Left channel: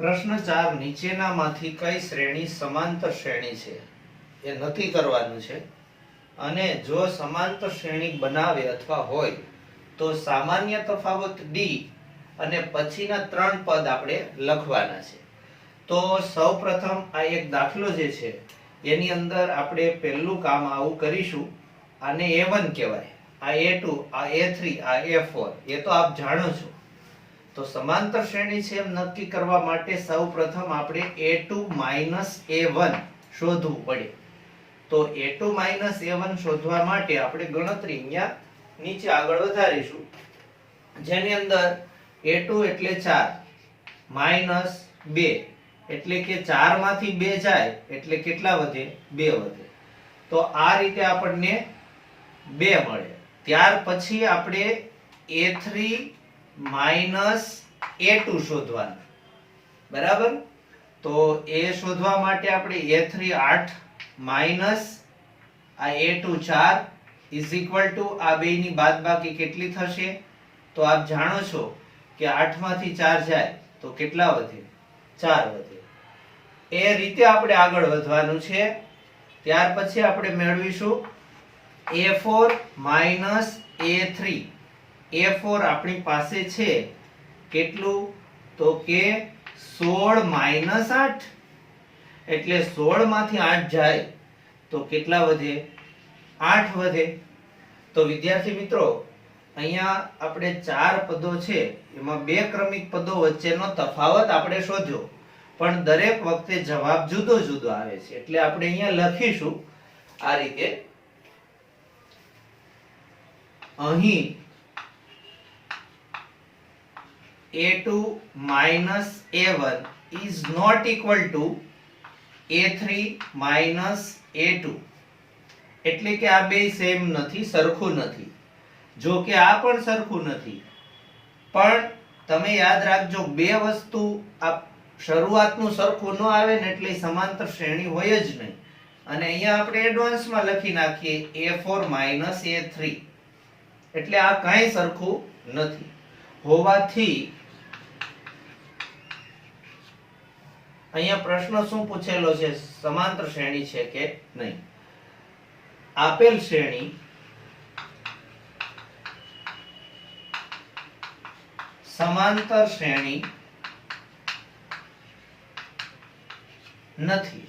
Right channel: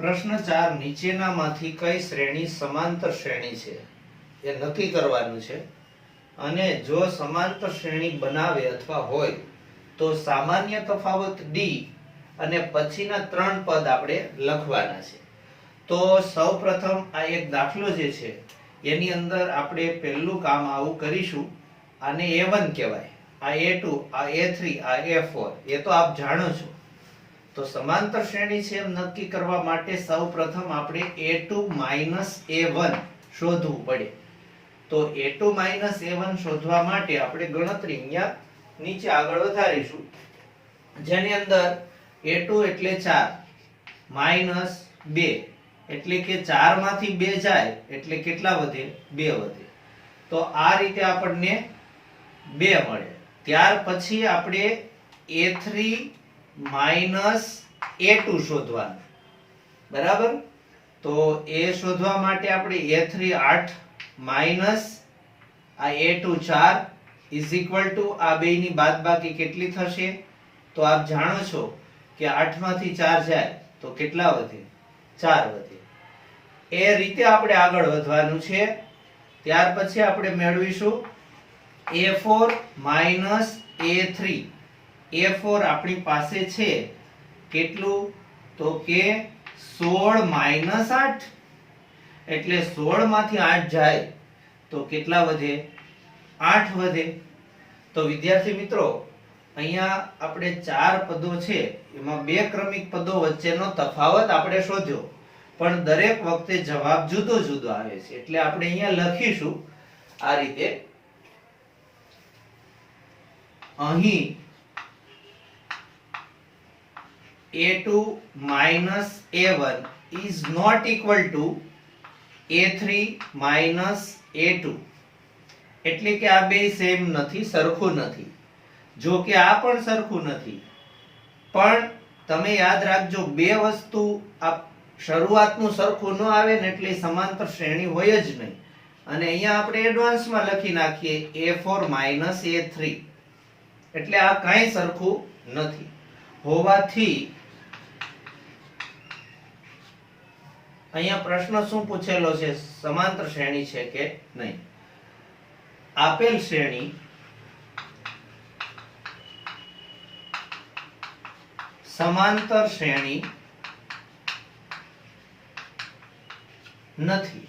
પ્રશ્ન 4 નીચેનામાંથી કઈ શ્રેણી સમાંતર શ્રેણી છે એ નક્કી કરવાનું છે અને જો સમાંતર શ્રેણી બનાવે અથવા હોય તો સામાન્ય તફાવત d અને પછીના ત્રણ પદ આપણે લખવાના છે। તો સૌપ્રથમ આ એક દાખલો જે છે એની અંદર આપણે પહેલું કામ આવું કરીશું। આને a1 કહેવાય, આ a2, આ a3, આ a4 એ તો આપ જાણો છો। તો સમાંતર શ્રેણી છે એમ નક્કી કરવા માટે સૌપ્રથમ આપણે a2 a1 શોધવું પડે। તો a2 a1 શોધવા માટે આપણે ગણતરી અહીંયા નીચે આગળ વધારીશું, જેની અંદર a2 એટલે 4 -2 એટલે કે 4 માંથી 2 જાય એટલે કેટલા વધે? 2 વધે। તો આ રીતે આપણને 2 મળે। ત્યાર પછી આપણે a3 a2 શોધવાનું, બરાબર? તો એ શોધવા માટે આપણે a3 8 માઈનસ આ a2 4 ઇઝ ઇક્વલ ટુ આ બેયની બાદબાકી કેટલી થશે? તો આપ જાણો છો કે 8 માંથી 4 જાય તો કેટલા વધે? 4 વધે। એ રીતે આપણે આગળ વધવાનું છે। ત્યાર પછી આપણે મેળવીશું a4 a3। a4 આપણી પાસે છે કેટલું? તો કે 16 8 એટલે 16 માંથી 8 જાય તો કેટલા વધે? 8 વધે। તો વિદ્યાર્થી મિત્રો, અહીંયા આપણે 4 પદો છે એમાં બે ક્રમિક પદો વચ્ચેનો તફાવત આપણે શોધ્યો, પણ દરેક વખતે જવાબ જુદો જુદો આવે છે, એટલે આપણે અહીંયા લખીશું આ રીતે। અહીં a2 a1 is not equal to a3 a2 એટલે કે આ બે સેમ નથી, સરખું નથી। જો કે આ પણ સરખું નથી, પણ તમે યાદ રાખજો બે વસ્તુ આ શરૂઆતનું સરખું ન આવે ને એટલે સમાંતર શ્રેણી હોય જ નહીં। અને અહીંયા આપણે એડવાન્સમાં લખી નાખીએ a4 a3 એટલે આ કાંઈ સરખું નથી હોવાથી અહીંયા પ્રશ્ન શું પૂછેલો છે? સમાંતર શ્રેણી છે કે નહીં। આપેલ શ્રેણી સમાંતર શ્રેણી નથી।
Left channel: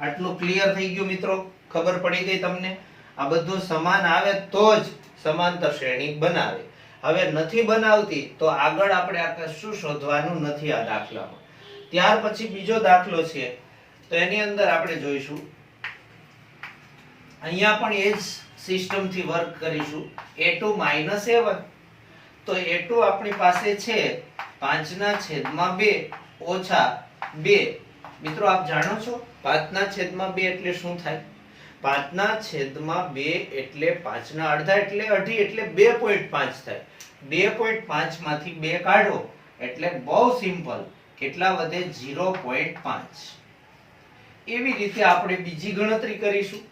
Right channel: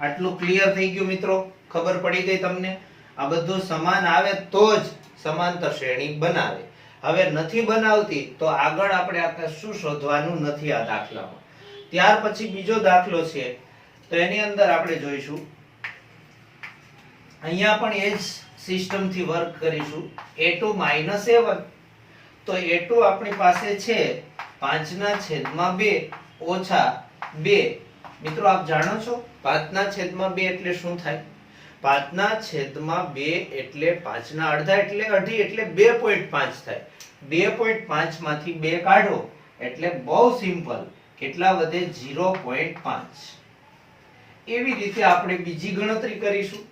આટલું ક્લિયર થઈ ગયું મિત્રો? ખબર પડી ગઈ તમને? આ બધું સમાન આવે તો જ સમાંતર શ્રેણી બનાવે। હવે નથી બનાવતી તો આગળ આપણે આ કશું શોધવાનું નથી આ દાખલામાં। ત્યાર પછી બીજો દાખલો છે, તો એની અંદર આપણે જોઈશું, અહીંયા પણ એ જ સિસ્ટમ થી વર્ક કરીશું। a2 a1 તો a2 આપણી પાસે છે 5/2 ઓછા 2। મિત્રો આપ જાણો છો 5/2 એટલે શું થાય? 5/2 એટલે 5 ના અડધા એટલે અઢી એટલે 2.5 થાય। 2.5 માંથી 2 કાઢો એટલે બહુ સિમ્પલ, કેટલા વધે? 0.5। એવી રીતે આપણે બીજી ગણતરી કરીશું।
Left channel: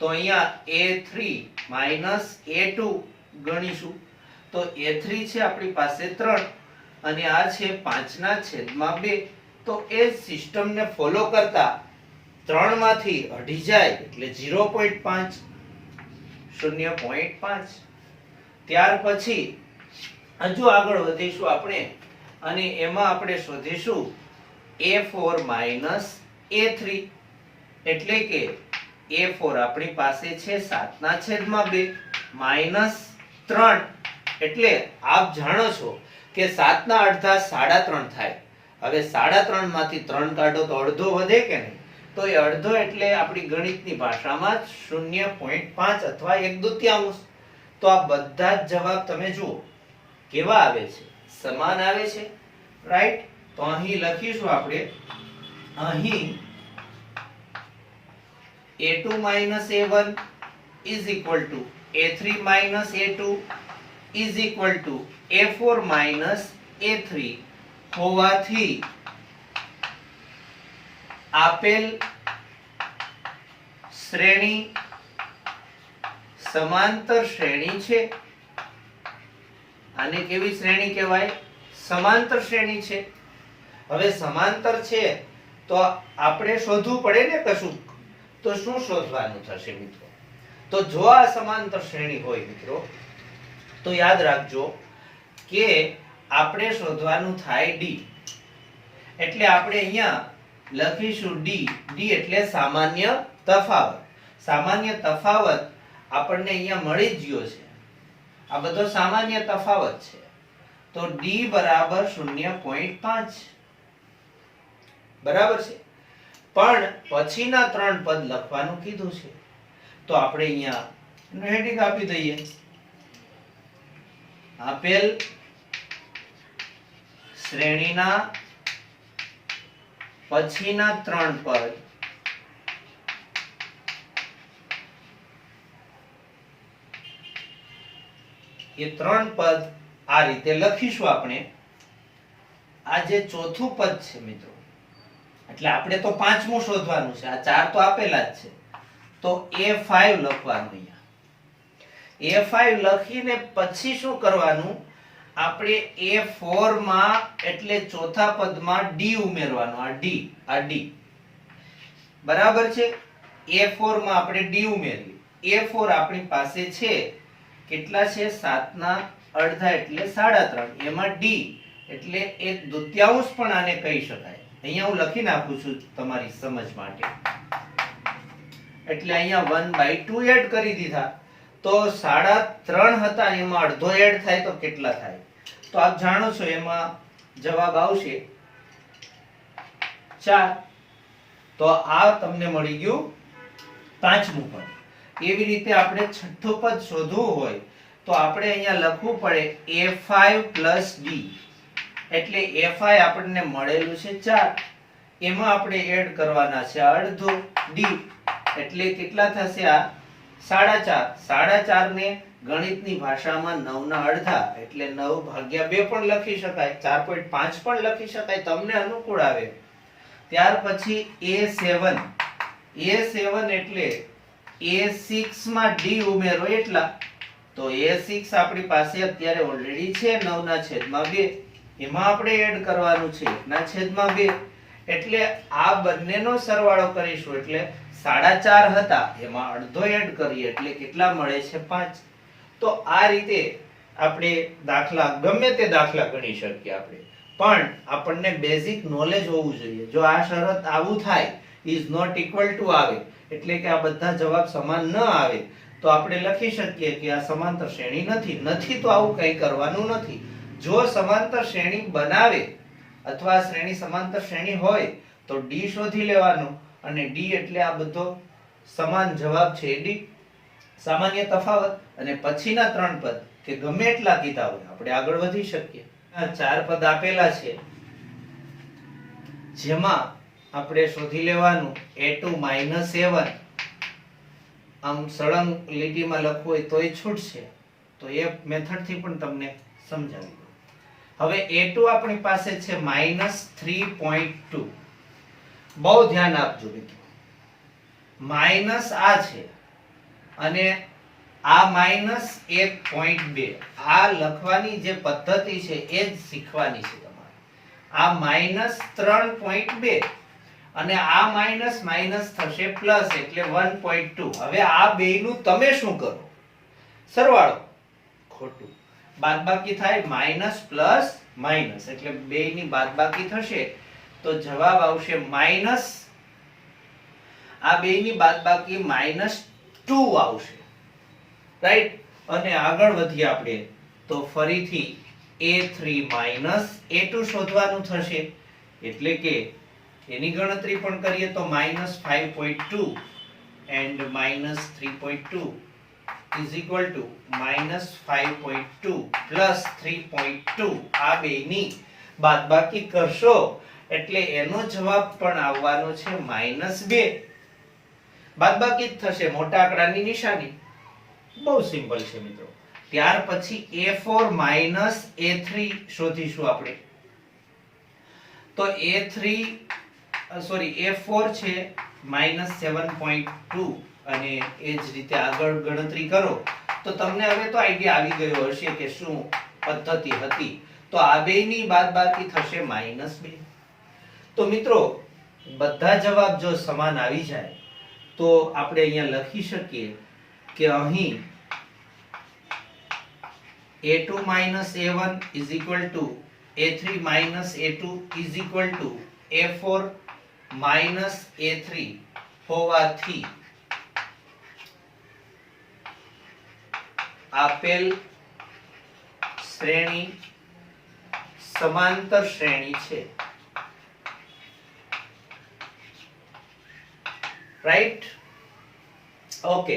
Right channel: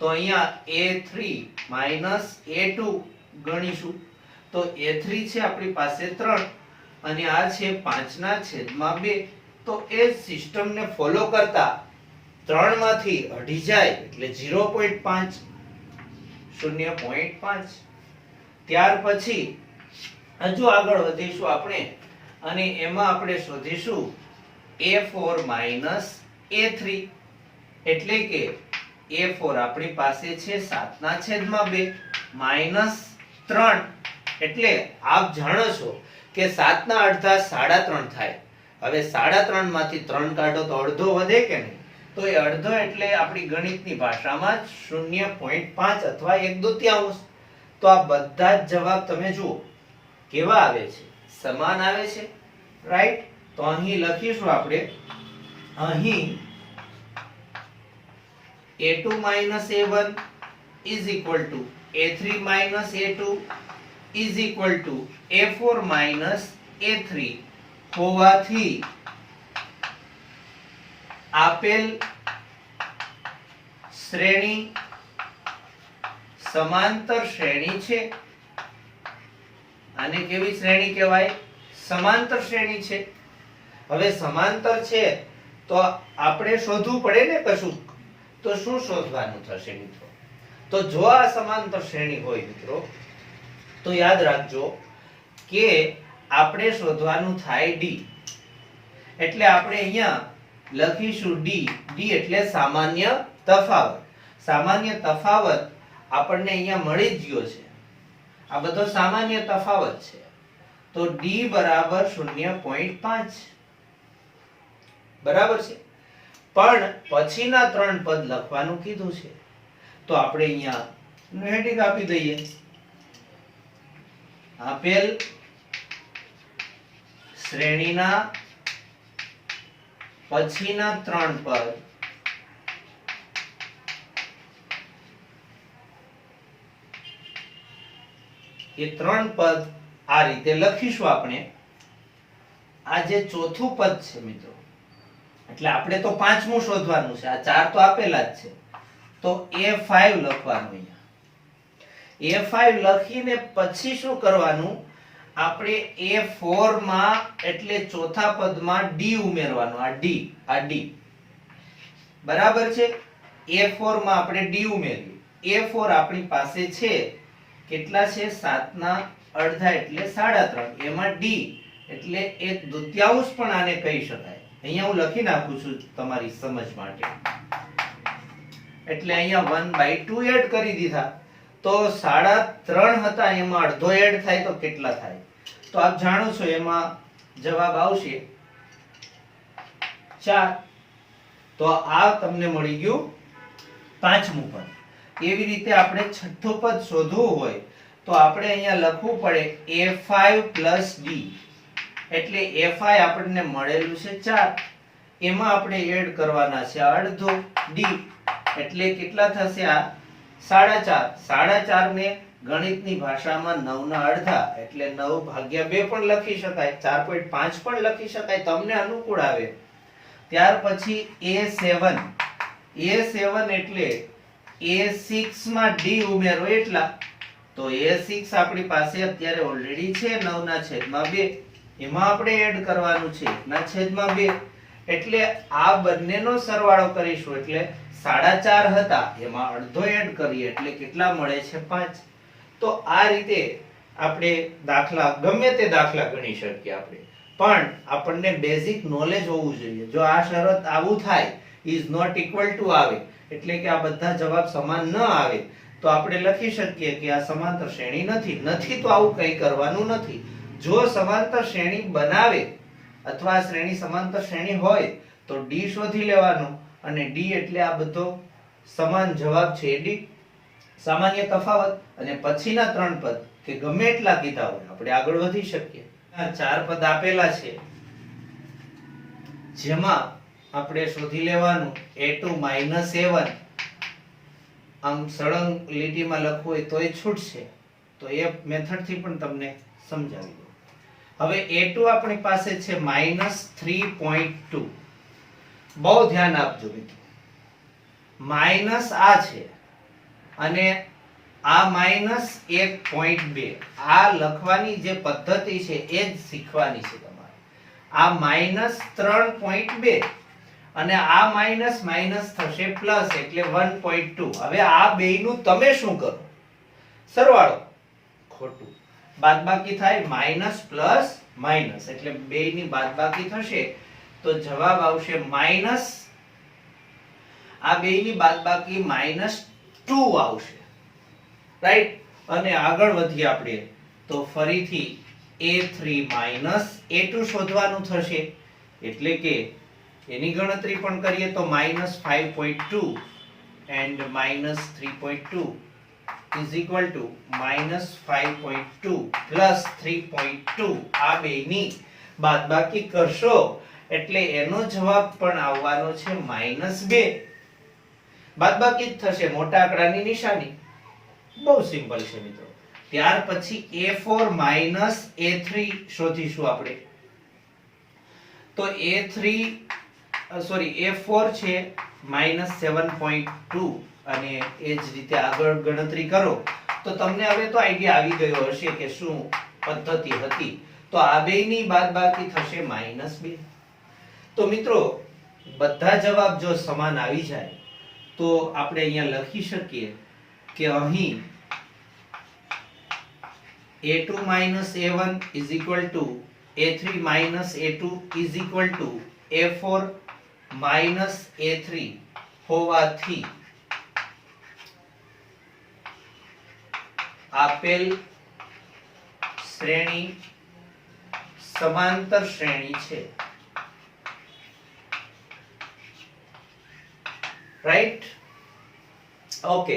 તો અહીંયા a3 a2 ગણીશું, તો a3 છે આપણી પાસે 3 અને આ છે 5/2। તો એ સિસ્ટમને ફોલો કરતા 3 માંથી અઢી જાય એટલે 0.5 0.5। ત્યાર પછી હજુ આગળ વધીશું આપણે અને એમાં આપણે શોધીશું a4 a3 એટલે કે a4 આપણી પાસે છે 7/2 -3 એટલે આપ જાણો છો કે 7 ના અડધા 3.5 થાય। હવે 3.5 માંથી 3 કાઢો તો અડધો વધે કે નહીં? તો એ અડધો એટલે આપણી ગણિતની ભાષામાં 0.5 અથવા 1/2। તો આ બધા જ જવાબ તમે જુઓ કેવા આવે છે? સમાન આવે છે, રાઈટ? તો અહીં લખીશું આપણે, અહીં a2 a1 is equal to a3 a2 is equal to a4 a3 હોવાથી આપેલ શ્રેણી સમાંતર શ્રેણી છે। આને કેવી શ્રેણી કહેવાય? સમાંતર શ્રેણી છે. હવે સમાંતર છે તો આપણે શોધવું પડે ને કશું. તો શું શોધવાનું થશે મિત્રો? તો જો આ સમાંતર શ્રેણી હોય મિત્રો તો યાદ રાખજો કે આપણે શોધવાનું થાય ડી. એટલે આપણે અહીંયા લખીશું ડી. ડી એટલે સામાન્ય તફાવત. સામાન્ય તફાવત આપણને અહીંયા મળી જ ગયો છે. આ બધો સામાન્ય તફાવત છે. તો ડી બરાબર 0.5 બરાબર છે. પણ પછીના 3 પદ લખવાનું કીધું છે તો આપણે અહીંયા હેડિંગ આપી દઈએ. આપેલ શ્રેણીના પછીના 3 પદ એ 3 પદ આ રીતે લખીશું આપણે. આ જે ચોથું પદ છે મિત્રો એટલે આપણે તો પાંચમું શોધવાનું છે. આ 4 તો આપેલા જ છે તો A5 લખવાનું. અહીંયા A5 લખીને પછી શું કરવાનું? આપણે A4 માં એટલે ચોથા પદમાં D ઉમેરવાનું. આ D બરાબર છે. A4 માં આપણે D ઉમેરીએ. A4 આપણી પાસે છે કેટલા છે? 7 ના અડધા એટલે 3.5. એમાં D એટલે 1/2 પણ આને કહી શકાય. અહીંયા હું લખી નાખું છું તમારી સમજ માટે. એટલે અહીંયા 1/2 એડ કરી દીધા તો 3.5 હતા એમાં અડધો એડ થાય તો કેટલા થાય? તો આપ જાણો છો એમાં જવાબ આવશે 4. તો આ તમને મળી ગયું પાંચમું પદ. એવી રીતે આપણે છઠ્ઠું પદ શોધવું હોય તો આપણે અહીંયા લખવું પડે A5 + D. એટલે A5 આપણને મળેલું છે 4. એમાં આપણે એડ કરવાના છે અડધો D. એટલે કેટલા થશે? આ 4.5. 4.5 ને ગણિતની ભાષામાં 9 ના અડધા એટલે 9/2 પણ લખી શકાય. 4.5 પણ લખી શકાય, તમને અનુકૂળ આવે. ત્યાર પછી A7. A7 એટલે A6 માં D ઉમેરો એટલા. તો A6 આપણી પાસે અત્યારે ઓલરેડી છે 9/2. એમાં આપણે એડ કરવાનું છે 1/2. એટલે આ બંનેનો સરવાળો કરીશું એટલે 4.5 હતા એમાં અડધો એડ કરીએ એટલે કેટલા મળે છે? 5. તો આ રીતે આપણે દાખલા ગમે તે દાખલા ગણી શકીએ આપણે. પણ આપણને બેઝિક નોલેજ હોવું જોઈએ. જો આ શરત આવું થાય ઇઝ નોટ ઇક્વલ ટુ આવે એટલે કે આ બધા જવાબ સમાન ન આવે તો આપણે લખી શકીએ કે આ સમાંતર શ્રેણી નથી. તો આવું કંઈ કરવાનું નથી. જો સમાંતર શ્રેણી બનાવે અથવા શ્રેણી સમાંતર શ્રેણી હોય તો D શોધી લેવાનું. અને D એટલે આ બધો સમાન જવાબ છે. D સામાન્ય તફાવત. અને પછીના 3 પદ કે ગમે એટલા કીધા હોય આપણે આગળ વધી શકીએ. આ 4 પદ આપેલા છે જેમાં આપણે શોધી લેવાનું A2 - A1. આમ સળંગ લીટીમાં લખવું હોય તોય છૂટશે. તો એ મેથડ થી પણ તમને સમજાવી દઉં. હવે A2 આપણી પાસે છે -3.2. બહુ ધ્યાન આપજો મિત્રો. માઈનસ આ છે અને આ -1.2. આ લખવાની જે પદ્ધતિ છે એ જ શીખવાની છે તમારે. આ -3.2 અને આ માઈનસ માઈનસ થશે પ્લસ એટલે 1.2. હવે આ બેયનું તમે શું કરો? સરવાળો. ખોટું. બાદબાકી થાય માઈનસ પ્લસ માઈનસ એટલે બેયની બાદબાકી થશે તો જવાબ આવશે માઈનસ. આ બેયની બાદબાકી -2 આવશે. રાઈટ. અને આગળ વધીએ આપણે તો ફરીથી A3 - A2 શોધવાનું થશે. એટલે કે એની ગણતરી પણ કરીએ તો -5.2 and -3.2 is equal to -5.2 plus 3.2. આ બેયની બાદબાકી કરશો એટલે એનો જવાબ પણ આવવાનો છે -2. બાદબાકી જ થશે, મોટા આંકડાની નિશાની. બહુ સિમ્પલ છે મિત્રો. ત્યાર પછી A4 - A3 શોધીશું આપણે. તો A4 છે -7.2 અને એ જ રીતે આગળ ગણતરી કરો તો તમને હવે તો આઈડિયા આવી ગયો હશે કે શું પદ્ધતિ હતી. તો આ બેયની બાદબાકી થશે -2. તો મિત્રો બધા જવાબ જો સમાન આવી જાય તો આપણે અહીંયા લખી શકીએ કે અહીં a2 a1 is equal to a3 a2 is equal to a4 a3 હોવાથી આપેલ શ્રેણી સમાંતર શ્રેણી છે. રાઈટ? ઓકે,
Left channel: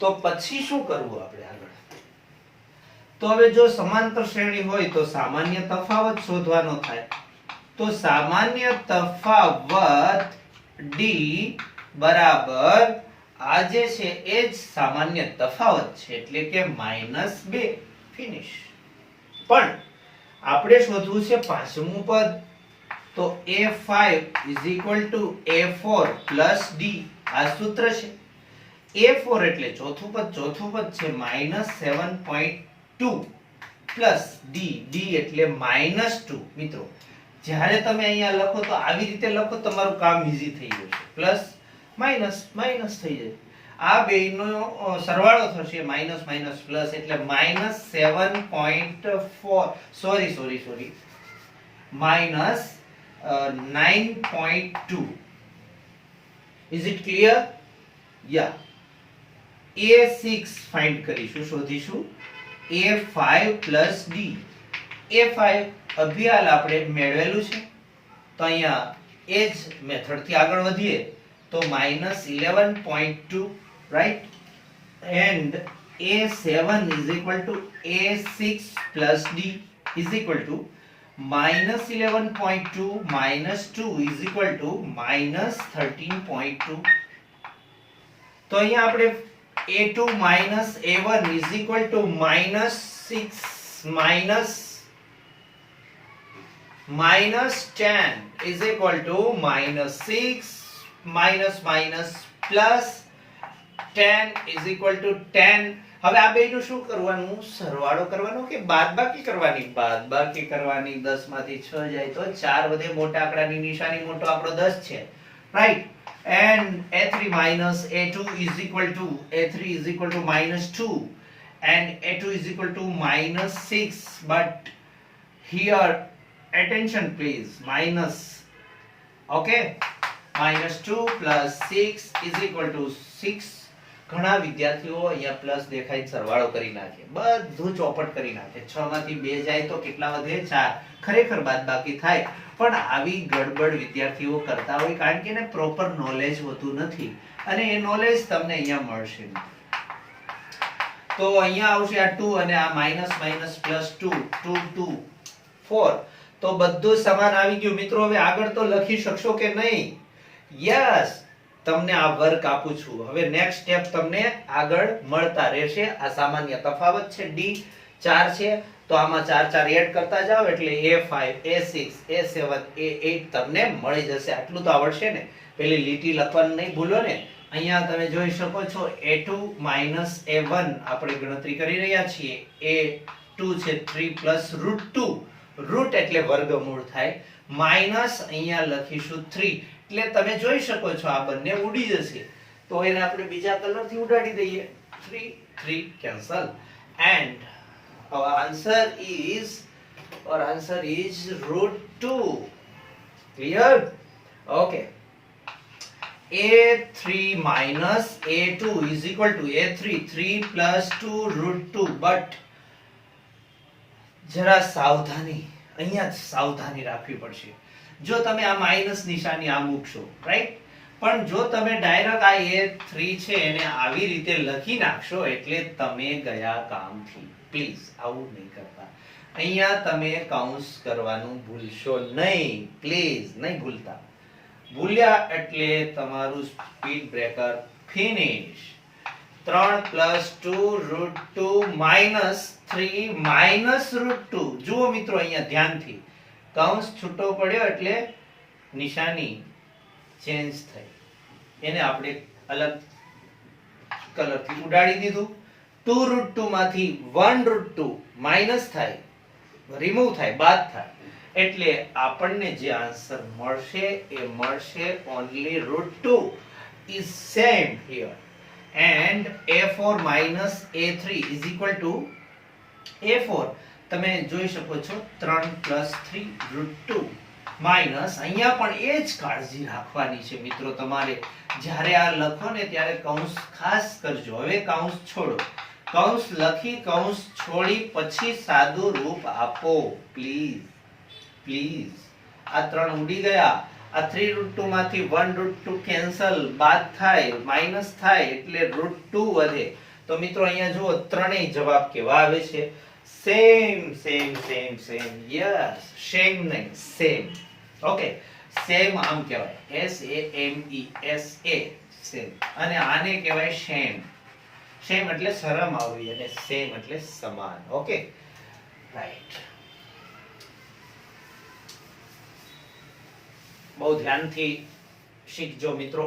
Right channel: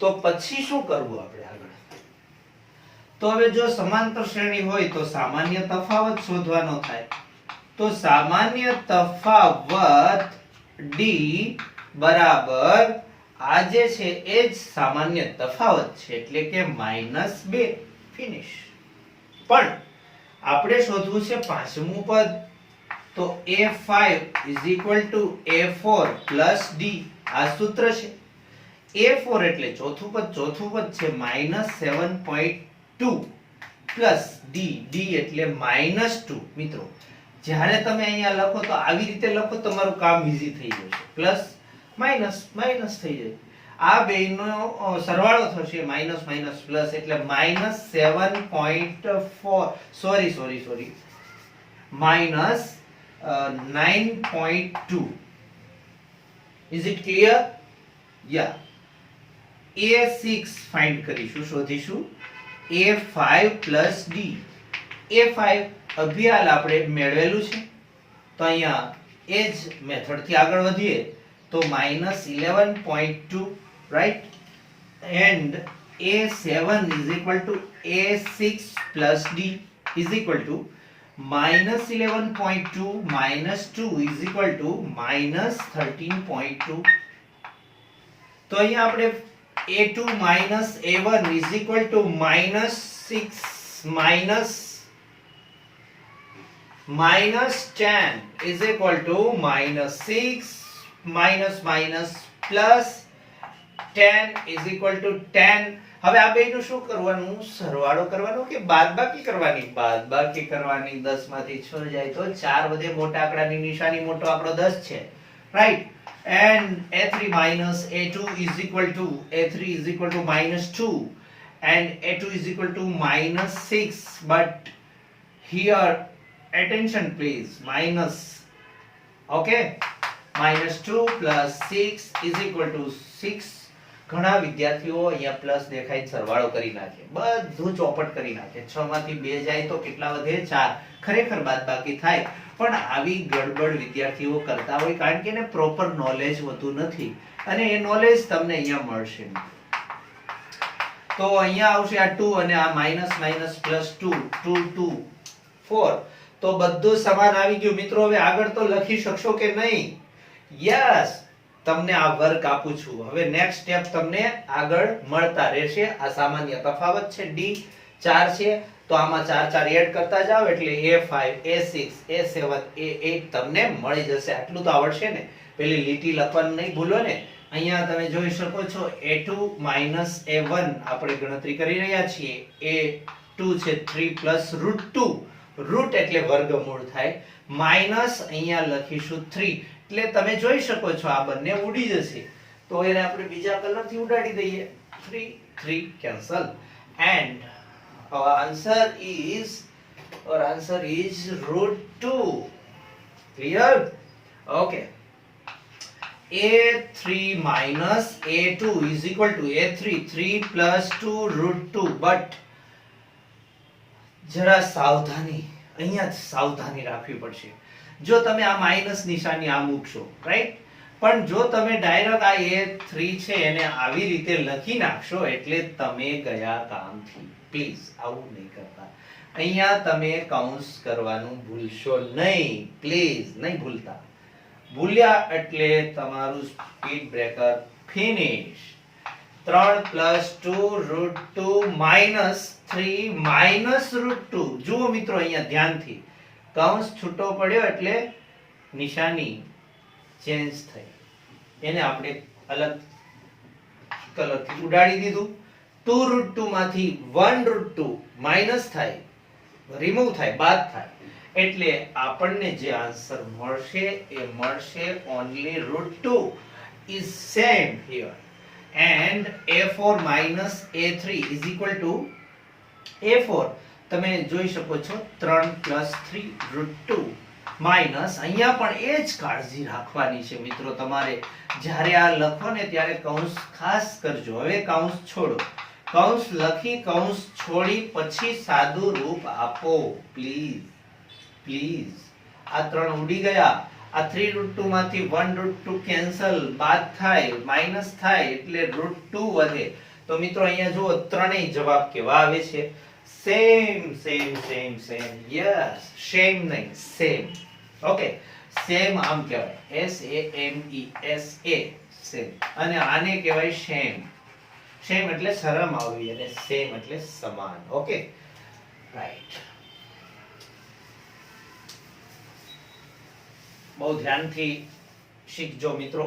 તો પછી શું કરવું આપણે આગળ? તો હવે જો સમાંતર શ્રેણી હોય તો સામાન્ય તફાવત શોધવાનો થાય. તો સામાન્ય તફાવત d બરાબર આ જે છે એ જ સામાન્ય તફાવત છે એટલે કે -2. ફિનિશ. પણ આપણે શોધવું છે પાંચમું પદ. તો a5 a4 d આ સૂત્ર છે. a4 એટલે ચોથું પદ છે -7.2 પ્લસ d એટલે -2. મિત્રો જ્યારે તમે અહીંયા લખો તો આવી રીતે લખો, તમારું કામ ઈઝી થઈ જશે. પ્લસ માઈનસ માઈનસ થઈ જાય. આ બેયનો સરવાળો થશે માઈનસ માઈનસ પ્લસ એટલે -7.4 sorry -9.2. Is it clear? Yeah. a6 find કરીશું, શોધીશું a5 d. a5 અભિયાલ આપણે મેળવેલું છે તો અહીંયા એ જ મેથડ થી આગળ વધીએ તો -11.2. Right? And a7 is equal to a6 plus d is equal to -11.2 -2 is equal to -13.2. તો અહીંયા આપણે a2 a1 is equal to -6 -10 is equal to -6 plus 10 is equal to 10. હવે આ બેયનું શું કરવાનું? સરવાળો કરવાનો કે બાદબાકી કરવાની? બાદબાકી કરવાની. 10 માંથી 6 જાય તો 4 વધે. મોટા આંકડાની નિશાની મોટો આંકડો 10 છે. Right? and a3 minus a2 is equal to -2 and a2 is equal to -6, but here attention please, minus. Okay, -2 plus 6 is equal to 6. ઘણા વિદ્યાર્થીઓ અહીંયા પ્લસ દેખાય સરવાળો કરી નાખે, બધું ચોપટ કરી નાખે. 6 માંથી 2 જાય તો કેટલા વધે? 4. ખરેખર બાદબાકી થાય, પણ આવી ગડબડ વિદ્યાર્થીઓ કરતા હોય કારણ કે એને પ્રોપર નોલેજ હોતું નથી અને એ નોલેજ તમને અહીંયા મળશે. તો અહીંયા આવશે આ 2 અને આ માઈનસ માઈનસ પ્લસ 2 2 2 4. તો બધું સમાન આવી ગયું. મિત્રો હવે આગળ તો લખી શકશો કે નહીં? યસ, તમને આ વર્ક આપું છું. હવે નેક્સ્ટ સ્ટેપ તમને આગળ મળતા રહેશે. આ સામાન્ય તફાવત છે, d 4 છે તો આમાં 4 4 એડ કરતા જાઓ એટલે a5 a6 a7 a8 તમને મળી જશે. આટલું તો આવડશે ને? પેલી લીટી લખવાનું નહીં ભૂલો ને. અહીંયા તમે જોઈ શકો છો a2 a1 આપણે ગણતરી કરી રહ્યા છીએ. a2 છે 3 √2. રૂટ એટલે વર્ગમૂળ થાય. માઈનસ અહીંયા લખીશું 3 એટલે તમે જોઈ શકો છો આ બંને ઉડી જશે તો એને આપણે બીજા કલરથી ઉડાડી દઈએ. 3 3 cancel and our answer is √2. Clear? Okay. a3 minus a2 is equal to a3 3 plus 2 √2. but જરા સાવધાની, અહીંયા સાવધાની રાખવી પડશે. જો તમે આ માઈનસ નિશાની આ મૂકશો, રાઈટ? પણ જો તમે ડાયરેક્ટ આ a3 છે એને આવી રીતે લખી નાખશો એટલે તમે ગયા કામથી. પ્લીઝ આવું નહીં કરતા. અહીંયા તમે કાઉન્સ કરવાનું ભૂલશો નહીં. પ્લીઝ નહીં ભૂલતા. ભૂલ્યા એટલે તમારું speed breaker finish. 3 plus 2 √2 minus 3 minus √2. જુઓ મિત્રો અહીંયા ધ્યાનથી, કૌંસ છૂટો પડ્યો એટલે નિશાની ચેન્જ થઈ. એને આપણે અલગ કલરથી ઉડાડી દીધું. 2 √2 માંથી 1 √2 માઈનસ થાય રિમૂવ થાય, બાદ થાય. એટલે આપણને જે આન્સર મળશે એ મળશે only √2 is same here, and a4 minus a3 is equal to a4. તમે જોઈ શકો છો 3 plus 3 √2 માઇનસ, અહીંયા પણ એ જ કાળજી રાખવાની છે મિત્રો તમારે. જ્યારે આ લખો ને ત્યારે કૌંસ ખાસ કરજો. હવે કૌંસ છોડો, કૌંસ લખી કૌંસ છોડી પછી સાદું રૂપ આપો પ્લીઝ પ્લીઝ. આ 3 ઉડી ગયા. આ 3 √2 માંથી 1 √2 કેન્સલ, બાદ થાય, માઈનસ થાય એટલે √2 વધે. તો મિત્રો અહીંયા જુઓ ત્રણેય જવાબ કેવા આવે છે? Same same same same. Yes, same નહીં, સેમ. ઓકે, સેમ આમ કહેવાય, SAME, સેમ. અને આને કહેવાય સેમ. સેમ એટલે શરમ આવવી અને સેમ એટલે સમાન. Okay, right. બહુ ધ્યાનથી શીખજો મિત્રો.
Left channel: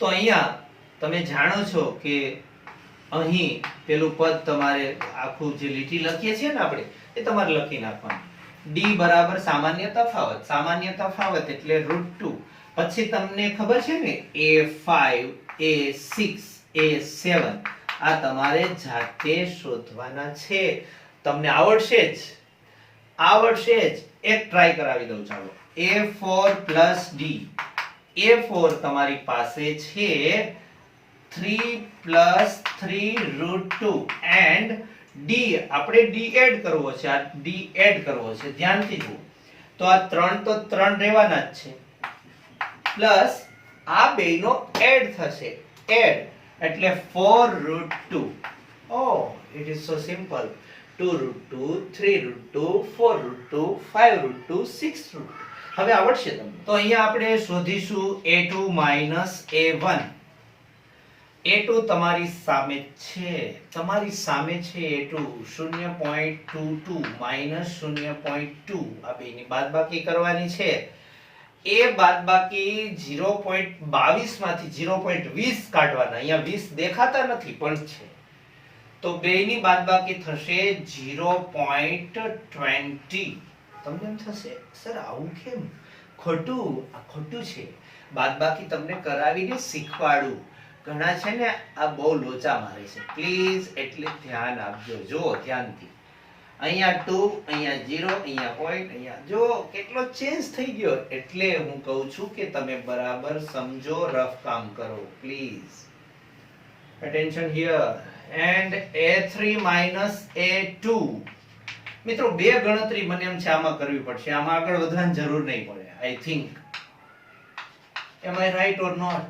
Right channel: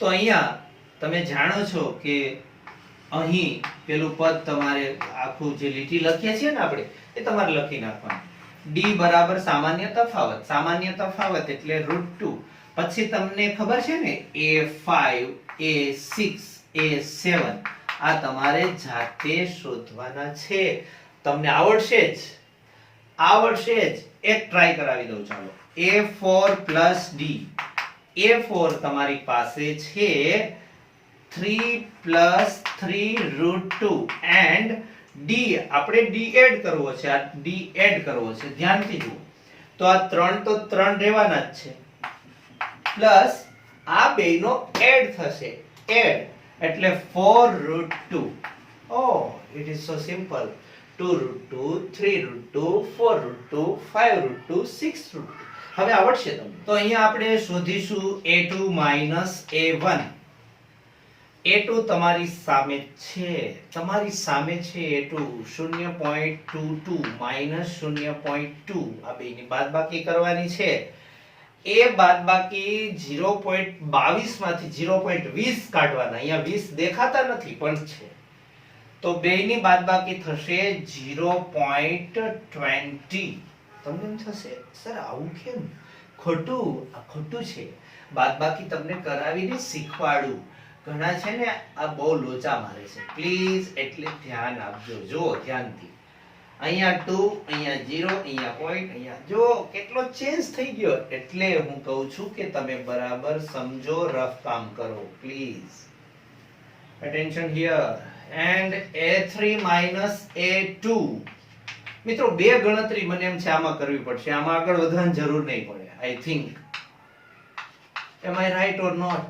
તો અહીંયા તમે જાણો છો કે અહીં પેલું પદ તમારે આખું જે લીટી લખીએ છીએ ને આપણે એ તમારે લખી નાખવાનું. d બરાબર સામાન્ય તફાવત. સામાન્ય તફાવત એટલે √2. પછી તમને ખબર છે ને a5, a6, a7 આ તમારે જાતે શોધવાના છે. તમને આવડશે જ, આવડશે જ. એક ટ્રાય કરાવી દઉં ચાલો. a4 plus d. a4 તમારી પાસે છે 3 plus 3 √2 and d આપણે d એડ કરવો છે. આ d એડ કરવો છે, ધ્યાનથી જુઓ. તો આ 3 તો 3 રહેવાના જ છે, પ્લસ આ બેયનો એડ થશે. એડ એટલે 4 √2. Oh, it is so simple. 2 √2, 3 √2, 4 √2, 5 √2, 6 √2. હવે આવડશે તમને. તો અહીંયા આપણે શોધીશું a2 minus a1. a2 તમારી સામે છે, તમારી સામે છે a2. 0.22 minus 0.2 આ બેની બાદબાકી કરવાની છે. એ બાદબાકી 0.22 માંથી 0.20 કાઢવાના. અહીંયા 20 દેખાતા નથી પણ છે. તો બેની બાદબાકી થશે 0.20. તમને એમ થશે સર આવું કેમ? ખોટું, આ ખોટું છે. બાદબાકી તમને કરાવીને શીખવાડું. ઘણા છે ને આ બહુ લોચા મારે છે. પ્લીઝ એટલે ધ્યાન આપજો. જો ધ્યાનથી. અહીંયા 2, અહીંયા 0, અહીંયા પોઈન્ટ, અહીંયા જો કેટલો ચેન્જ થઈ ગયો. એટલે હું કહું છું કે તમે બરાબર સમજો, રફ કામ કરો please. attention here. and a3 minus a2. મિત્રો બે ગણતરી મને એમ છે આમાં કરવી પડશે. આમાં આગળ વધવાની જરૂર નહીં પડે I think. am I right or not?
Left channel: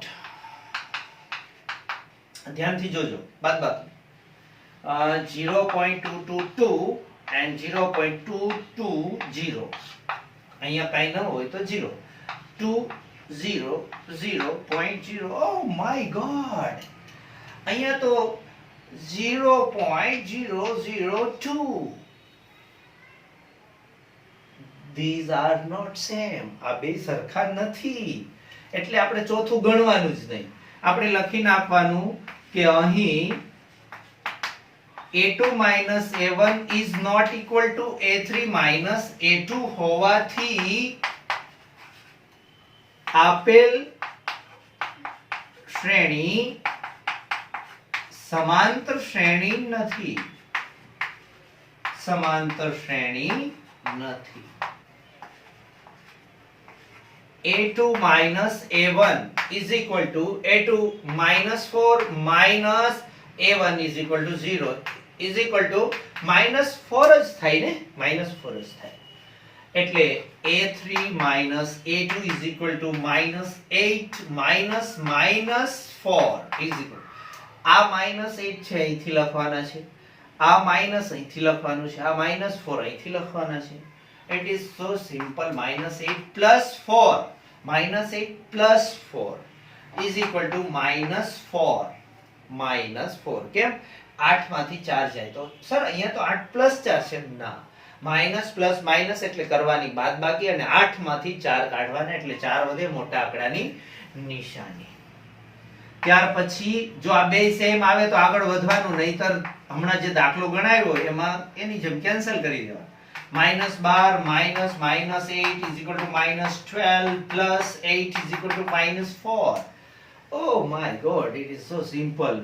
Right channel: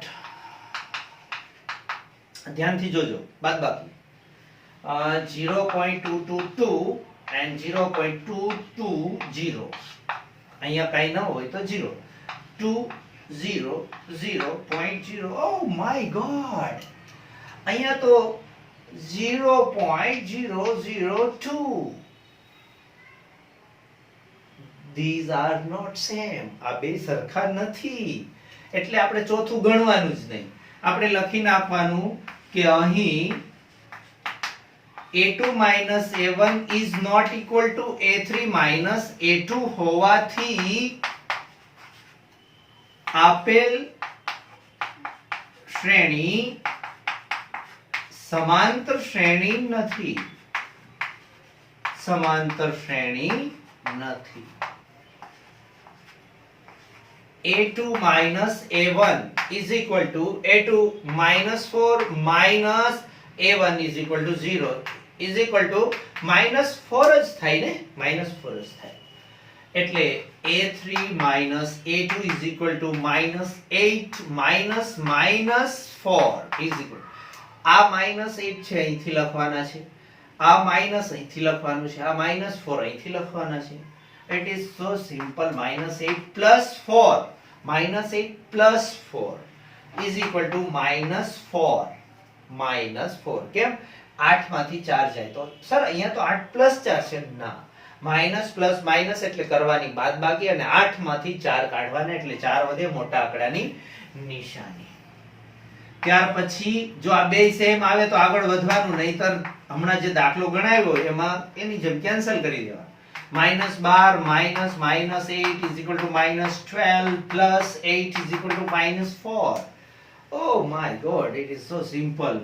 ધ્યાનથી જોજો. બાદબાકી 0.222 and 0.220. અહીંયા કાઈ ન હોય તો 0. 2 0 0.0. oh my god, અહીંયા તો 0.002. these are not same. આ બે સરખા નથી. એટલે આપણે ચોથું ગણવાનું જ નહીં. આપણે લખી નાખવાનું કે અહીં a2 minus a1 is not equal to a3 minus a2 હોવાથી આપેલ શ્રેણી સમાંતર શ્રેણી નથી. સમાંતર શ્રેણી નથી. a2 minus a1 is equal to a2 minus 4 minus a1 is equal to 0 is equal to minus 4 જ થાય ને, minus 4 જ થાય. એટલે a3 minus a2 is equal to minus 8 minus minus 4 is equal. આ minus 8 છે અહીંથી લખવાના છે, આ minus અહીંથી લખવાનું છે, આ minus 4 અહીંથી લખવાના છે. It is so simple. minus 8 plus 4, minus 8 plus 4 is equal to minus 4. minus 4. કેમ? 8 માંથી 4 જાય તો સર અહીંયા તો 8 plus 4 છે. ના, માઇનસ પ્લસ માઇનસ એટલે કરવાની બાદબાકી અને 8 માંથી 4 કાઢવાના એટલે 4 વધે, મોટા આંકડાની નિશાની. ત્યાર પછી જો આ બે સેમ આવે તો આગળ વધવાનું, નહીતર હમણાં જે દાખલો ગણાવ્યો એમાં એની જેમ કેન્સલ કરી દેવા. -12 minus -8 is equal to -12 plus 8 is equal to -4. Oh my god, it is so simple.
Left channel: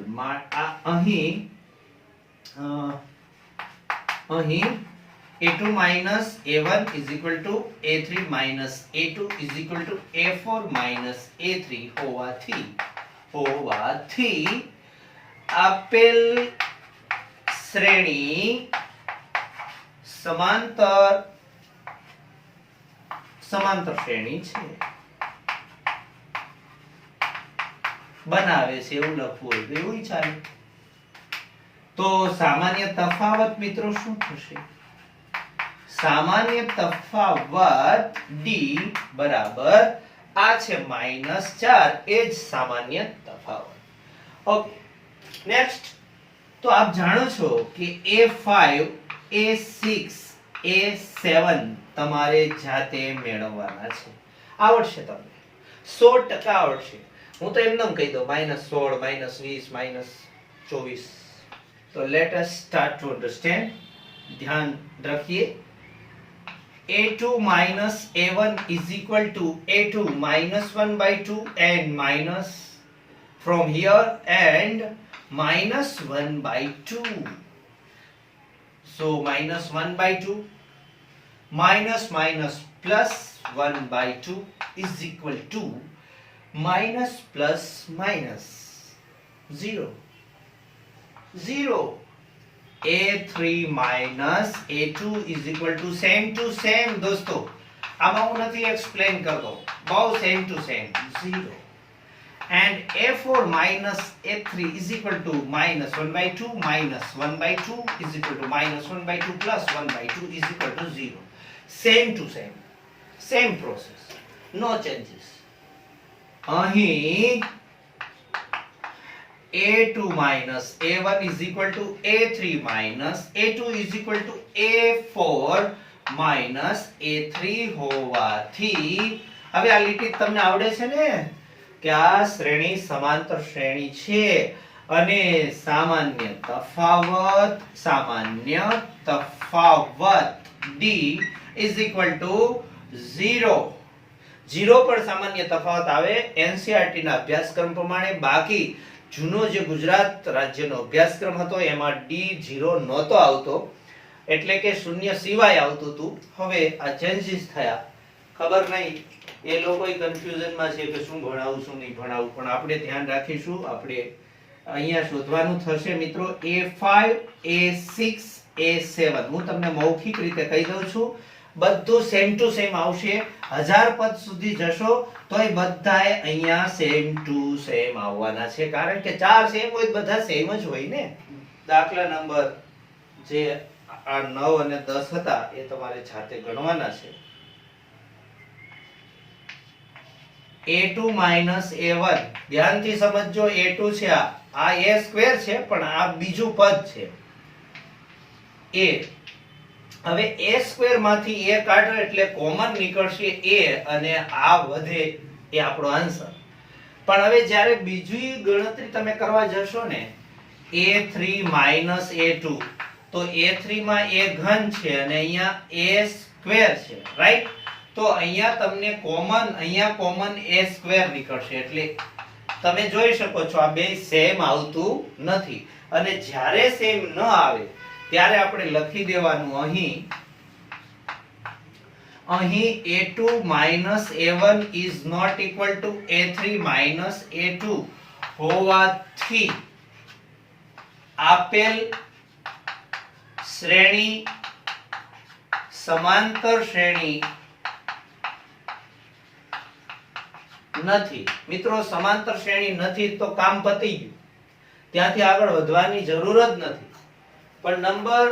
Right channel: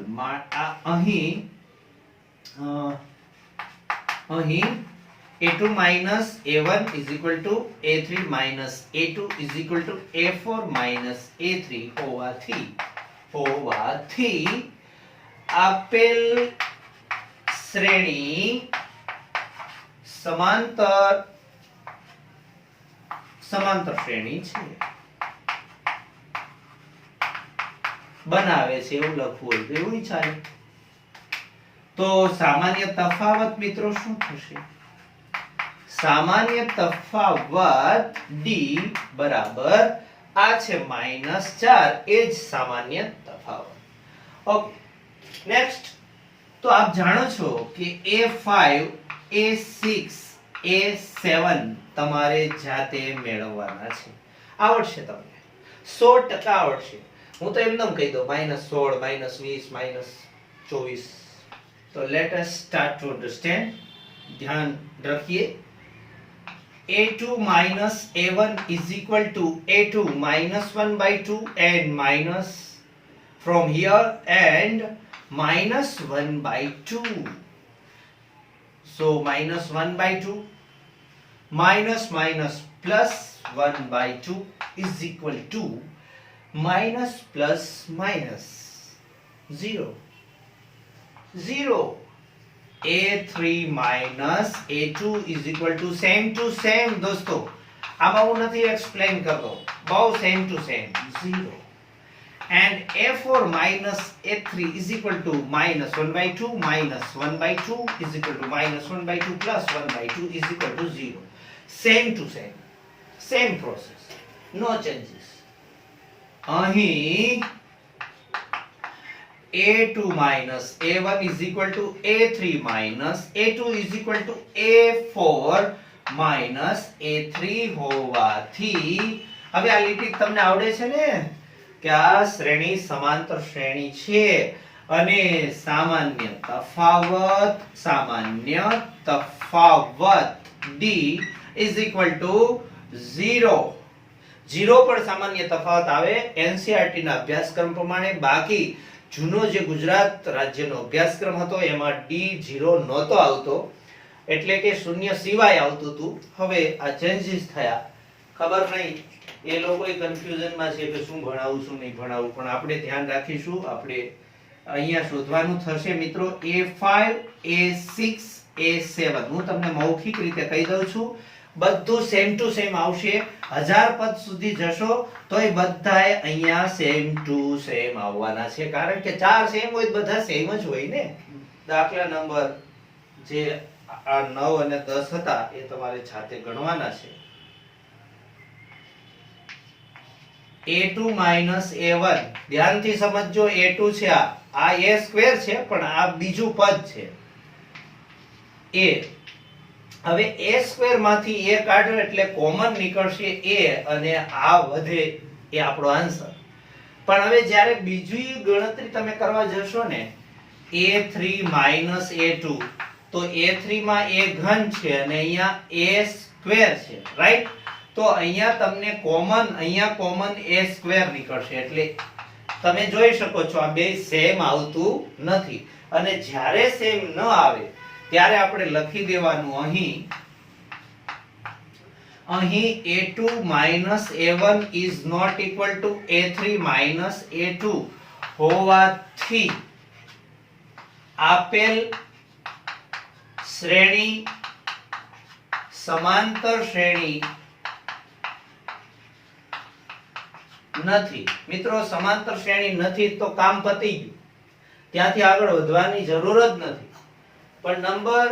અહીં a2 minus a1 is equal to a3 minus a2 is equal to a4 minus a3 હોવાથી આપેલ શ્રેણી સમાંતર શ્રેણી છે બનાવે છે એવું લખવું હોય તો એવું ચાલે. તો સામાન્ય તફાવત મિત્રો શું થશે? સામાન્ય તફાવત d બરાબર આ છે -4, એ જ સામાન્ય તફાવત. Okay, next. તો આપ જાણો છો કે a5 a6 a7 તમારે જાતે મેળવવાના છે. આવડશે તમને 100% આવડશે. હું તો એમનેમ કહી દઉં -16 -20 -24. તો let us start to understand. ધ્યાન રાખીએ. a2 minus a1 is equal to a2 minus 1/2 and minus from here and minus 1/2. So minus 1/2 minus minus plus 1/2 is equal to minus plus minus 0. a3 minus a2 is equal to same દોસ્તો. આમાં હું નથી explain કરતો, બહુ same 0. and a4 minus a3 is equal to minus 1/2 minus 1/2 is equal to minus 1/2 plus 1/2 is equal to 0. Same process, no changes. અહીં a2 minus a1 is equal to a3 minus a2 is equal to a4 minus a3 હોવાથી હવે આ લીટી તમને આવડે છે ને કે આ શ્રેણી સમાંતર શ્રેણી છે અને સામાન્ય તફાવત d is equal to 0. 0 પર સામાન્ય તફાવત આવે એનસીઈઆરટી ના અભ્યાસક્રમ પ્રમાણે. બાકી જૂનો જે ગુજરાત રાજ્યનો અભ્યાસક્રમ હતો એમાં d0 નહોતો આવતો, એટલે કે શૂન્ય સિવાય આવતું હતું. હવે આ ચેન્જીસ થયા, ખબર નહીં એ લોકો કન્ફ્યુઝનમાં છે કે શું ભણાવું શું નહીં ભણાવું, પણ આપણે ધ્યાન રાખીશું. આપણે અહીંયા શોધવાનું થશે મિત્રો a5 a6 a7. હું તમને મૌખિક રીતે કહી દઉં છું, બધું સેમ ટુ સેમ આવશે. 1000 પદ સુધી જશો તોય બધાય અહીંયા સેમ ટુ સેમ આવવાના છે, કારણ કે 4 સેમ હોય બધા સેમ જ હોય ને. દાખલા નંબર જે આ 9 અને 10 હતા એ તમારે જાતે ગણવાના છે. a2 minus a1 ધ્યાનથી સમજજો. a2 છે, આ a સ્ક્વેર છે પણ આ બીજું પદ છે a. હવે a સ્ક્વેર માંથી a કાઢો એટલે કોમન નીકળશે a અને આ વધે એ આપણો આન્સર. પણ હવે જ્યારે બીજી ગણતરી તમે કરવા જશો ને a3 minus a2, તો a3 માં a ઘન છે અને અહીંયા a સ્ક્વેર છે, રાઈટ? તો અહીંયા તમને કોમન a સ્ક્વેર નીકળશે, એટલે તમે જોઈ શકો છો આ બે સેમ આવતું નથી. અને જ્યારે સેમ ન આવે ત્યારે આપણે લખી દેવાનું અહીં a2 minus a1 is not equal to a3 minus a2 હોવાથી આપેલ શ્રેણી સમાંતર શ્રેણી નથી. મિત્રો સમાંતર શ્રેણી નથી તો કામ પતી ગયું, ત્યાંથી આગળ વધવાની જરૂર જ નથી. પણ નંબર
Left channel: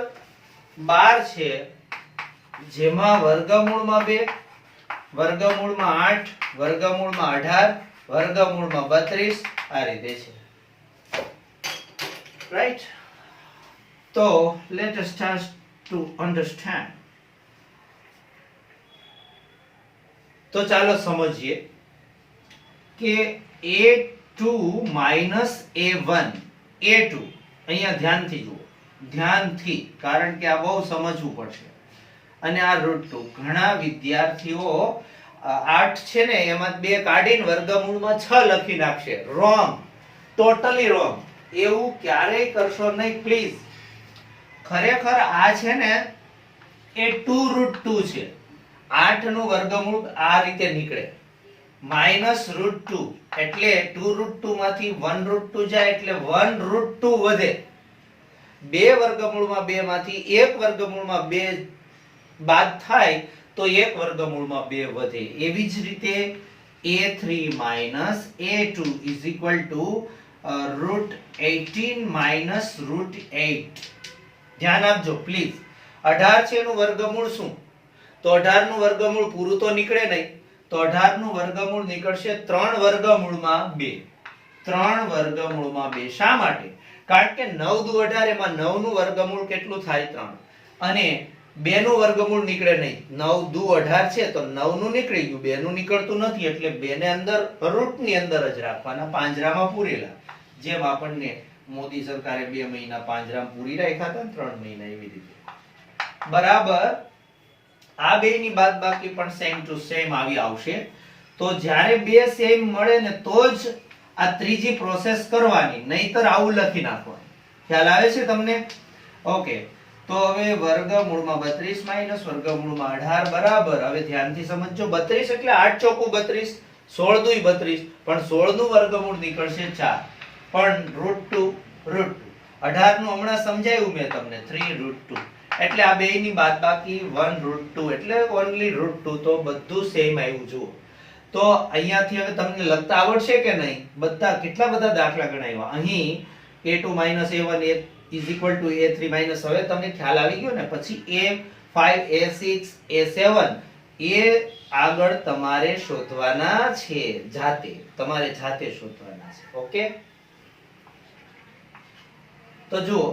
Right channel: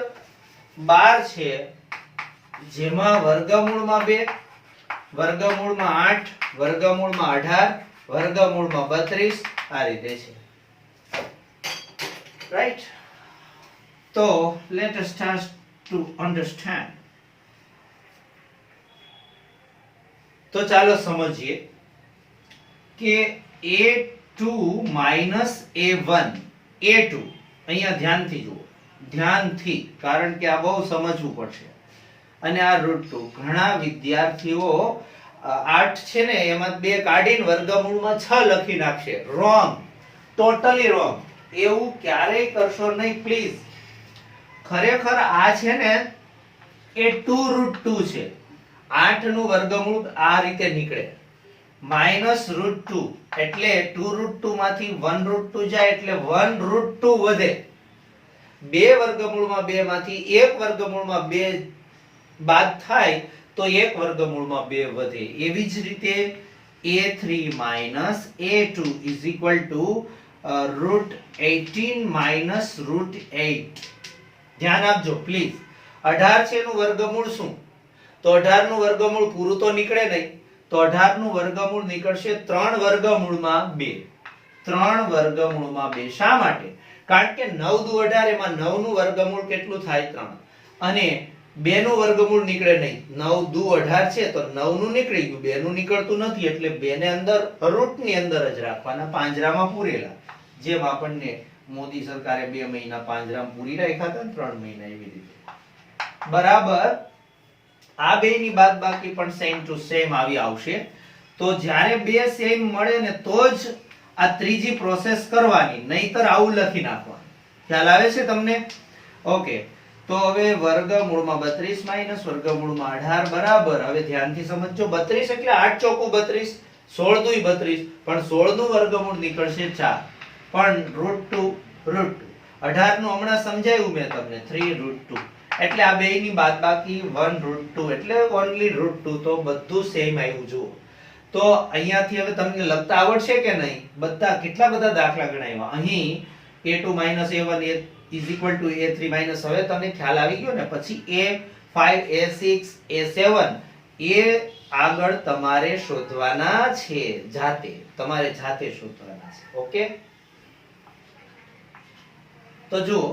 12 છે જેમાં વર્ગમૂળમાં 2, વર્ગમૂળમાં 8, વર્ગમૂળમાં 18, વર્ગમૂળમાં 32 આ રીતે છે, રાઈટ? તો let us start to understand. તો ચાલો સમજીએ કે a2 minus a1, a2 અહીંયા ધ્યાનથી જુઓ, ધ્યાનથી, કારણ કે આ બહુ સમજવું પડશે. અને આ √2. ઘણા વિદ્યાર્થીઓ 8 છે ને એમાં 2 કાઢીને વર્ગમૂળમાં 6 લખી નાખશે. Wrong, totally wrong. એવું ક્યારેય કરશો નહીં પ્લીઝ. ખરેખર આ છે ને એ 2√2 છે. 8 નું વર્ગમૂળ આ રીતે નીકળે -√2 એટલે 2√2 માંથી 1√2 જાય એટલે 1√2 વધે. 2 વર્ગમૂળમાં 2 માંથી 1 વર્ગમૂળમાં 2 બાદ થાય તો 1 વર્ગમૂળમાં 2 વધે. એવી જ રીતે a3 - a2 √18 - √8. ધ્યાન આપજો પ્લીઝ. 18 છે એનું વર્ગમૂળ શું? તો 18 નું વર્ગમૂળ પૂરું તો નીકળે નહીં. તો 18 નું વર્ગમૂળ નીકળશે 3 વર્ગમૂળમાં 2. 3 વર્ગમૂળમાં 2. શા માટે? કારણ કે 9 દુ 18 એમાં 9 નું વર્ગમૂળ કેટલું થાય? 3. અને 2 નું વર્ગમૂળ નીકળે નહીં. 9 દુ 18 છે તો 9 નું નીકળી ગયું, 2 નું નીકળતું નથી એટલે 2 ને અંદર રૂટ ની અંદર જ રાખવાના, પાંજરામાં પૂરેલા. જેમ આપણને મોદી સરકારે 2 મહિના પાંજરામાં પૂરી રાખ્યા હતા, 3 મહિના, એવી રીતે. બરાબર. આ બે ની બાદબાકી પણ સેમ ટુ સેમ આવી આવશે. તો જ્યારે બે સેમ મળે ને તો જ આ ત્રીજી પ્રોસેસ કરવાની, નહીતર આવું લખી નાખવાનું. ખ્યાલ આવે છે તમને? ઓકે. તો હવે વર્ગમૂળમાં 32 માઈનસ વર્ગમૂળમાં 18 બરાબર. હવે ધ્યાનથી સમજજો. 32 એટલે 8 ચોકુ 32, 16 દુય 32, પણ 16 નું વર્ગમૂળ નીકળશે 4. પણ √2 18 નું હમણાં સમજાવ્યું મેં તમને, 3√2. એટલે આ બે ની બાદબાકી 1√2 એટલે ઓન્લી √2. તો બધું સેમ આવ્યું. જુઓ તો અહીંયાથી હવે તમને લખતા આવડશે કે નહીં? બધા કેટલા બધા દાખલા ગણાવ્યા. અહીં a2 - a1 a3 - હવે તમને ખ્યાલ આવી ગયો ને. પછી a5 a6 a7 એ આગળ તમારે શોધવાના છે. તમારે જાતે શોધવાના છે. ઓકે. તો જુઓ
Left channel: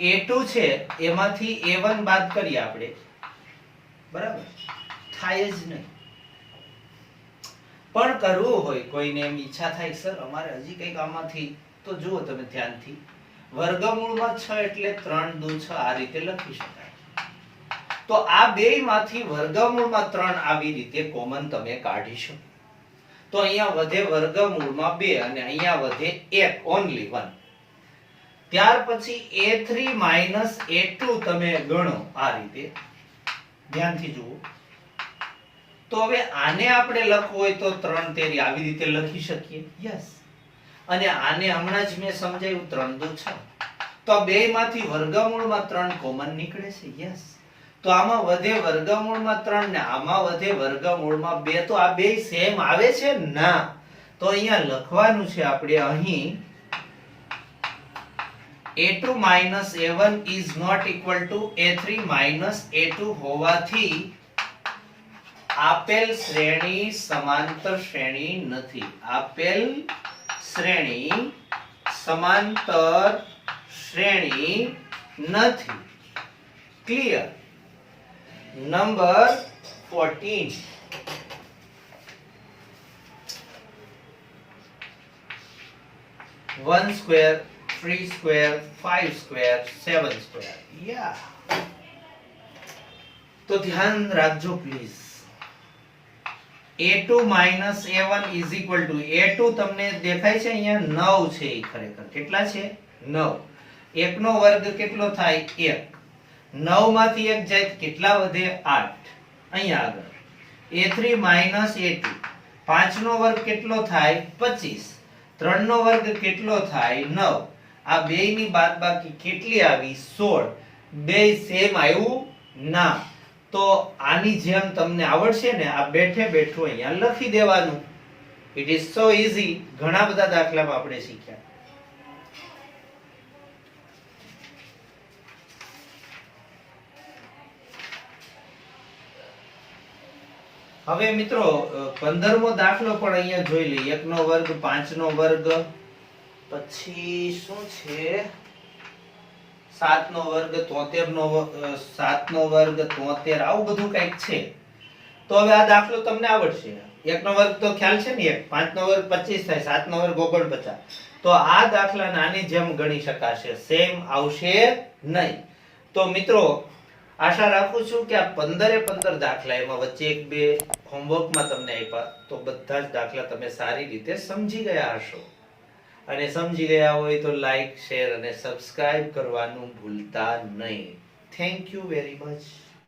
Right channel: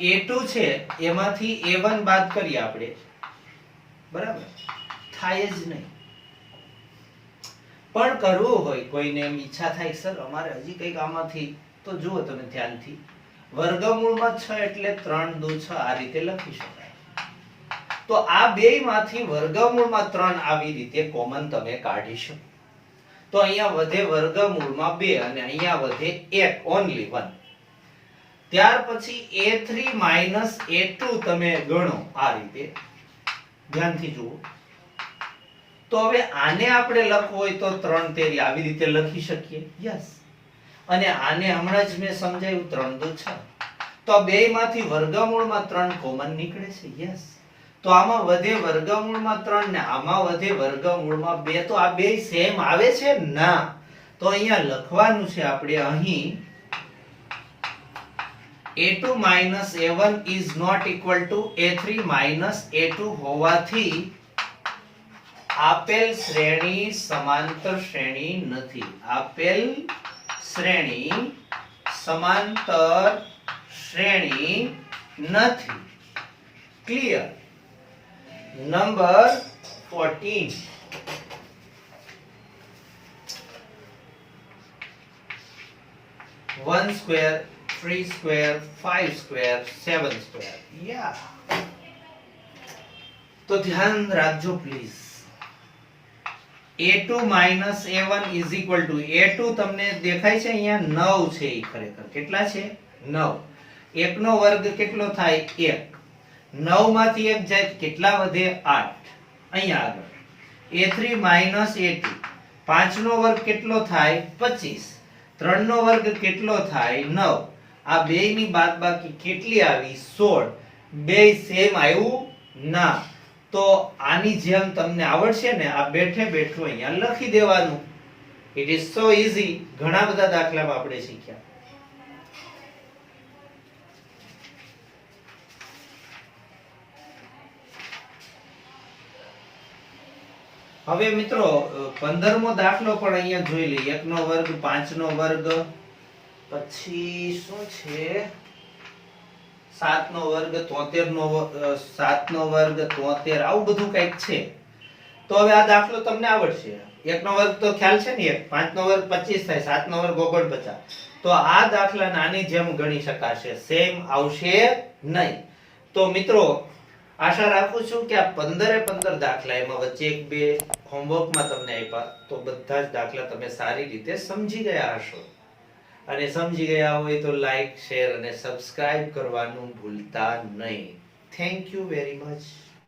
a2 છે એમાંથી a1 બાદ કરીએ આપણે, બરાબર? થાય જ નહીં. પણ કરવું હોય કોઈને, એમ ઈચ્છા થાય સર અમારે હજી કઈક આમાંથી, તો જુઓ તમે ધ્યાનથી. વર્ગમૂળમાં 6 એટલે 3 દુ 6 આ રીતે લખી શકાય. તો આ બેયમાંથી વર્ગમૂળમાં 3 આવી રીતે કોમન તમે કાઢી શકો. તો અહીંયા વધે વર્ગમૂળમાં 2 અને અહીંયા વધે 1, ઓન્લી 1. ત્યાર પછી a3 - a2 તમે ગણો આ રીતે. ધ્યાનથી જુઓ. તો હવે આને આપણે લખવું હોય તો 3 તેરી આવી રીતે લખી શકીએ. યસ. અને આને હમણાં જ મેં સમજાવ્યું, 3 દુ 6. તો આ બેયમાંથી વર્ગમૂળમાં 3 કોમન નીકળે છે. યસ. તો આમાં વધે વર્ગમૂળમાં 3 ને આમાં વધે વર્ગમૂળમાં 2. તો આ બેય સેમ આવે છે? ના. તો અહીંયા લખવાનું છે આપણે અહીં a2 - a1 is not equal to a3 - a2 હોવાથી આપેલ શ્રેણી સમાંતર શ્રેણી નથી. આપેલ શ્રેણી સમાંતર શ્રેણી નથી. Clear? Number 14. 1 square 3 square 5 square 7 square. Yeah. તો ધ્યાન રાખજો please. a2 - a1 is equal to a2 તમને દેખાય છે અહીંયા 9 છે. એ ખરેખર કેટલા છે? 9. 1 નો વર્ગ કેટલો થાય? 1. 9 માંથી 1 જાય કેટલા વધે? 8. અહીંયા આગળ a3 - a2 5 નો વર્ગ કેટલો થાય? 25. 3 નો વર્ગ કેટલો થાય? 9. આ બેય ની બાદબાકી કેટલી આવી? 16. બેય સેમ આવ્યું? ના. તો આની જેમ તમને આવડશે ને, આ બેઠે બેઠું અહીંયા લખી દેવાનું. It is so easy. ઘણા બધા દાખલામાં આપણે શીખ્યા. હવે મિત્રો 15મો દાખલો પણ અહીંયા જોઈ લઈએ. 1 નો વર્ગ 5 નો વર્ગ, પછી શું છે 7 નો વર્ગ 73 નો 7 નો વર્ગ 73, આવું બધું કંઈક છે. તો હવે આ દાખલો તમને આવડશે. 1 નો વર્ગ તો ખ્યાલ છે ને, 5 નો વર્ગ 25 થાય, 7 નો વર્ગ 49. તો આ દાખલા નાની જેમ ગણી શકાશે, સેમ આવશે નહીં. તો મિત્રો આશા રાખું છું કે આ 15 દાખલા એમાં વચ્ચે એક બે હોમવર્કમાં તમને આપ્યા તો બધા જ દાખલા તમે સારી રીતે સમજી ગયા હશો. અને સમજી ગયા હોય તો લાઈક, શેર અને સબસ્ક્રાઇબ કરવાનું ભૂલતા નહીં. Thank you very much.